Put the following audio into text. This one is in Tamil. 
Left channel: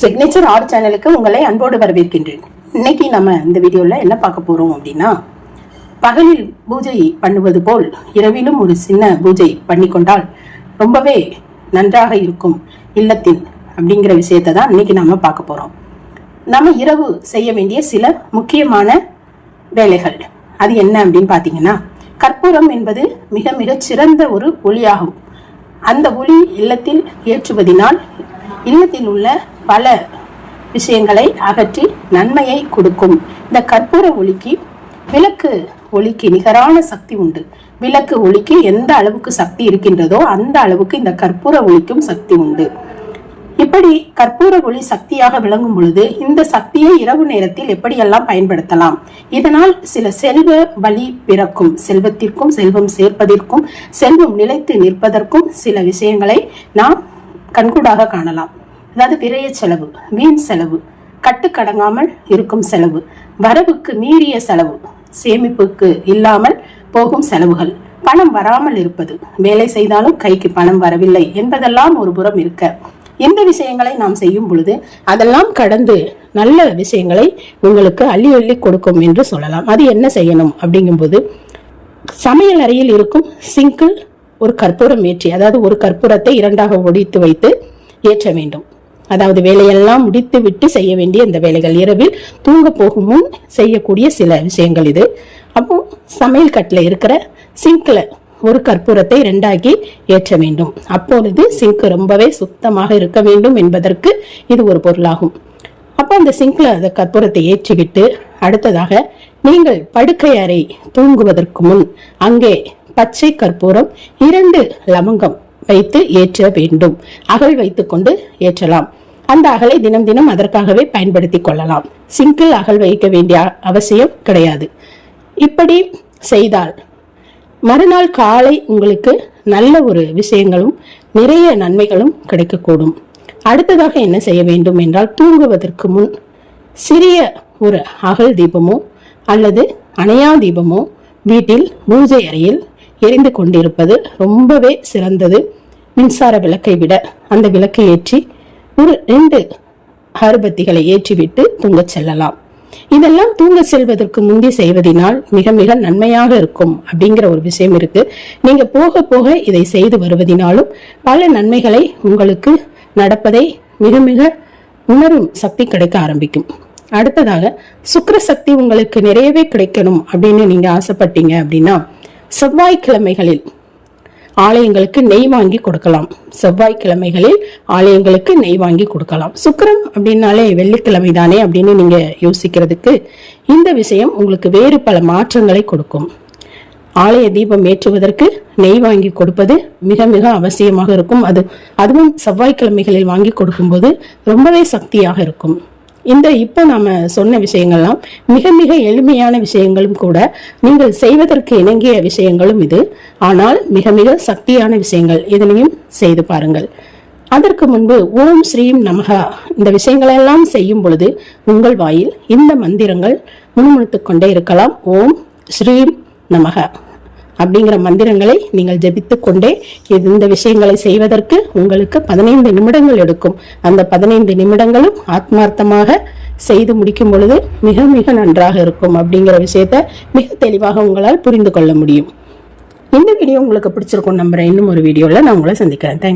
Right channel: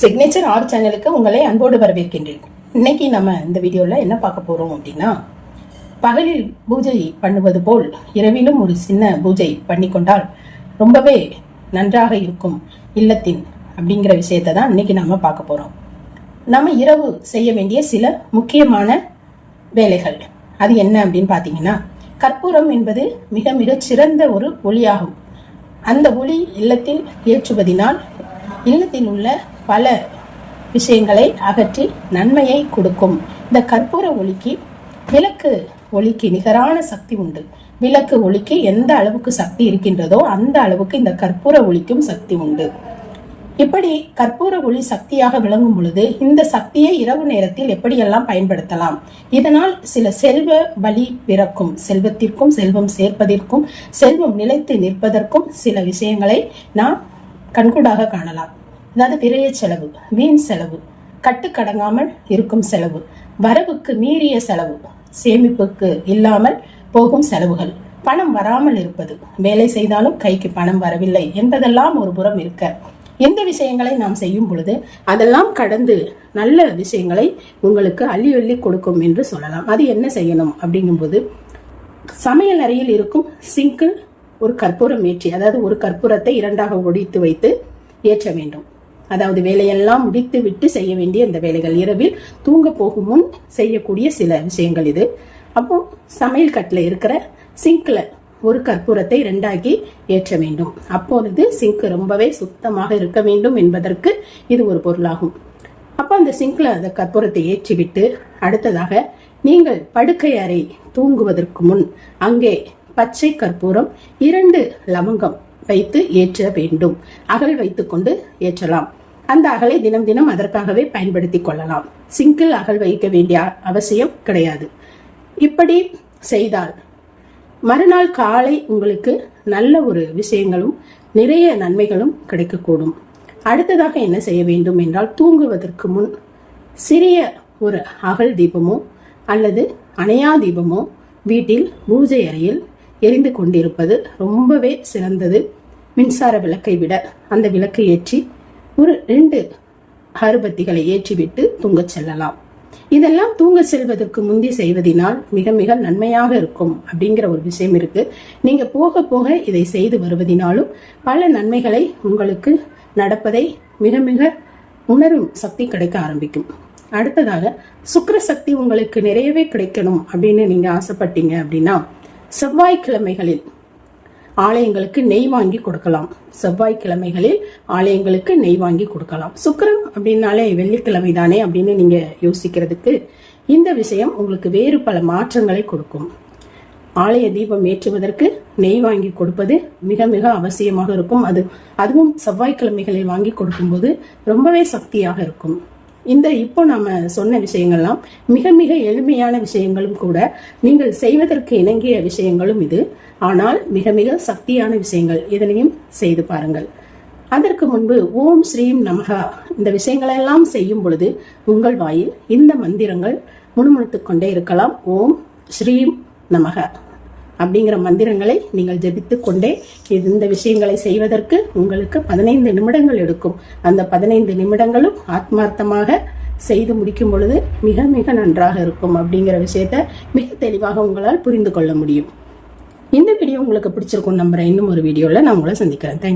சிக்னேச்சர் ஆர்ட் சேனலுக்கு உங்களை அன்போடு வரவேற்கின்றேன். இன்னைக்கு நம்ம இந்த வீடியோவில் என்ன பார்க்க போகிறோம் அப்படின்னா பகலில் பூஜை பண்ணுவது போல் இரவிலும் ஒரு சின்ன பூஜை பண்ணிக்கொண்டால் ரொம்பவே நன்றாக இருக்கும் இல்லத்தில் அப்படிங்கிற விஷயத்தை தான் இன்னைக்கு நாம பார்க்க போகிறோம் நம்ம இரவு செய்ய வேண்டிய சில முக்கியமான வேலைகள். அது என்ன அப்படின்னு பார்த்தீங்கன்னா கற்பூரம் என்பது மிக மிக சிறந்த ஒரு ஒளியாகும். அந்த ஒளி இல்லத்தில் ஏற்றுவதினால் இல்லத்தில் உள்ள பல விஷயங்களை அகற்றி நன்மையை கொடுக்கும். இந்த கற்பூர ஒளிக்கு விளக்கு ஒளிக்கு நிகரான சக்தி உண்டு. விளக்கு ஒளிக்கு எந்த அளவுக்கு சக்தி இருக்கின்றதோ அந்த அளவுக்கு இந்த கற்பூர ஒளிக்கும் சக்தி உண்டு. இப்படி கற்பூர ஒளி சக்தியாக விளங்கும் பொழுது இந்த சக்தியை இரவு நேரத்தில் எப்படியெல்லாம் பயன்படுத்தலாம்? இதனால் சில செல்வ வழி பிறக்கும். செல்வத்திற்கும் செல்வம் சேர்ப்பதற்கும் செல்வம் நிலைத்து நிற்பதற்கும் சில விஷயங்களை நாம் கண்கூடாக காணலாம். அதாவது விரைய செலவு வீண் செலவு கட்டுக்கடங்காமல் இருக்கும் செலவு வரவுக்கு மீறிய செலவு சேமிப்புக்கு இல்லாமல் போகும் செலவுகள் பணம் வராமல் இருப்பது வேலை செய்தாலும் கைக்கு பணம் வரவில்லை என்பதெல்லாம் ஒரு புறம் இருக்க. எந்த விஷயங்களை நாம் செய்யும் பொழுது அதெல்லாம் கடந்து நல்ல விஷயங்களை உங்களுக்கு அள்ளி அள்ளி கொடுக்கும் என்று சொல்லலாம். அது என்ன செய்யணும் அப்படிங்கும்போது சமையல் அறையில் இருக்கும் சிங்கிள் ஒரு கற்பூரம் ஏற்றி அதாவது ஒரு கற்பூரத்தை இரண்டாக ஒடித்து வைத்து ஏற்ற வேண்டும். அதாவது வேலையெல்லாம் முடித்து விட்டு செய்ய வேண்டிய இந்த வேலைகள். இரவில் தூங்க போகும் முன் செய்யக்கூடிய சில விஷயங்கள் இது. அப்போ சமையல் கட்டில் இருக்கிற சிங்கில் ஒரு கற்பூரத்தை ரெண்டாக்கி ஏற்ற வேண்டும். அப்பொழுது சிங்க் ரொம்பவே சுத்தமாக இருக்க வேண்டும் என்பதற்கு இது ஒரு பொருளாகும். அப்போ அந்த சிங்க்ல அந்த கற்பூரத்தை ஏற்றிவிட்டு அடுத்ததாக நீங்கள் படுக்கை அறை தூங்குவதற்கு முன் அங்கே பச்சை கற்பூரம் இரண்டு லவங்கம் வைத்து ஏற்ற வேண்டும். அகல் வைத்துக்கொண்டு ஏற்றலாம். அந்த அகலை தினம் தினம் அதற்காகவே பயன்படுத்தி கொள்ளலாம். சிங்கிள் அகல் வைக்க வேண்டிய அவசியம் கிடையாது. இப்படி செய்தால் மறுநாள் காலை உங்களுக்கு நல்ல ஒரு விஷயங்களும் நிறைய நன்மைகளும் கிடைக்கக்கூடும். அடுத்ததாக என்ன செய்ய வேண்டும் என்றால் தூங்குவதற்கு முன் சிறிய ஒரு அகல் தீபமோ அல்லது அணையா தீபமோ வீட்டில் பூஜை அறையில் எரிந்து கொண்டிருப்பது ரொம்பவே சிறந்தது. மின்சார விளக்கை விட அந்த விளக்கை ஏற்றி ஒரு ரெண்டு அருபத்திகளை ஏற்றிவிட்டு தூங்கச் செல்லலாம். இதெல்லாம் தூங்க செல்வதற்கு முந்தி செய்வதனால் மிக மிக நன்மையாக இருக்கும் அப்படிங்கிற ஒரு விஷயம் இருக்கு. நீங்க போக போக இதை செய்து வருவதனாலும் பல நன்மைகளை உங்களுக்கு நடப்பதை மிக மிக உணரும் சக்தி கிடைக்க ஆரம்பிக்கும். அடுத்ததாக சுக்கர சக்தி உங்களுக்கு நிறையவே கிடைக்கணும் அப்படின்னு நீங்க ஆசைப்பட்டீங்க அப்படின்னா செவ்வாய்க்கிழமைகளில் ஆலயங்களுக்கு நெய் வாங்கி கொடுக்கலாம். செவ்வாய்க்கிழமைகளில் ஆலயங்களுக்கு நெய் வாங்கி கொடுக்கலாம். சுக்கிரம் அப்படின்னாலே வெள்ளிக்கிழமை தானே அப்படின்னு நீங்க யோசிக்கிறதுக்கு இந்த விஷயம் உங்களுக்கு வேறு பல மாற்றங்களை கொடுக்கும். ஆலய தீபம் ஏற்றுவதற்கு நெய் வாங்கி கொடுப்பது மிக மிக அவசியமாக இருக்கும். அது அதுவும் செவ்வாய்க்கிழமைகளில் வாங்கி கொடுக்கும்போது ரொம்பவே சக்தியாக இருக்கும். இந்த இப்போ நாம் சொன்ன விஷயங்கள்லாம் மிக மிக எளிமையான விஷயங்களும் கூட நீங்கள் செய்வதற்கு இணங்கிய விஷயங்களும் இது. ஆனால் மிக மிக சக்தியான விஷயங்கள் இதனையும் செய்து பாருங்கள். அதற்கு முன்பு ஓம் ஸ்ரீம் நமகா இந்த விஷயங்களெல்லாம் செய்யும் பொழுது உங்கள் வாயில் இந்த மந்திரங்கள் முணுமுணுத்துக்கொண்டே இருக்கலாம். ஓம் ஸ்ரீம் நமகா அப்படிங்கிற மந்திரங்களை நீங்கள் ஜபித்து கொண்டே இந்த விஷயங்களை செய்வதற்கு உங்களுக்கு பதினைந்து நிமிடங்கள் எடுக்கும். அந்த பதினைந்து நிமிடங்களும் ஆத்மார்த்தமாக செய்து முடிக்கும் பொழுது மிக மிக நன்றாக இருக்கும் அப்படிங்கிற விஷயத்த மிக தெளிவாக உங்களால் புரிந்து கொள்ள முடியும். இந்த வீடியோ உங்களுக்கு பிடிச்சிருக்கும் நம்புறேன். இன்னும் ஒரு வீடியோவில் நான் உங்களை சந்திக்கிறேன். தேங்க்யூ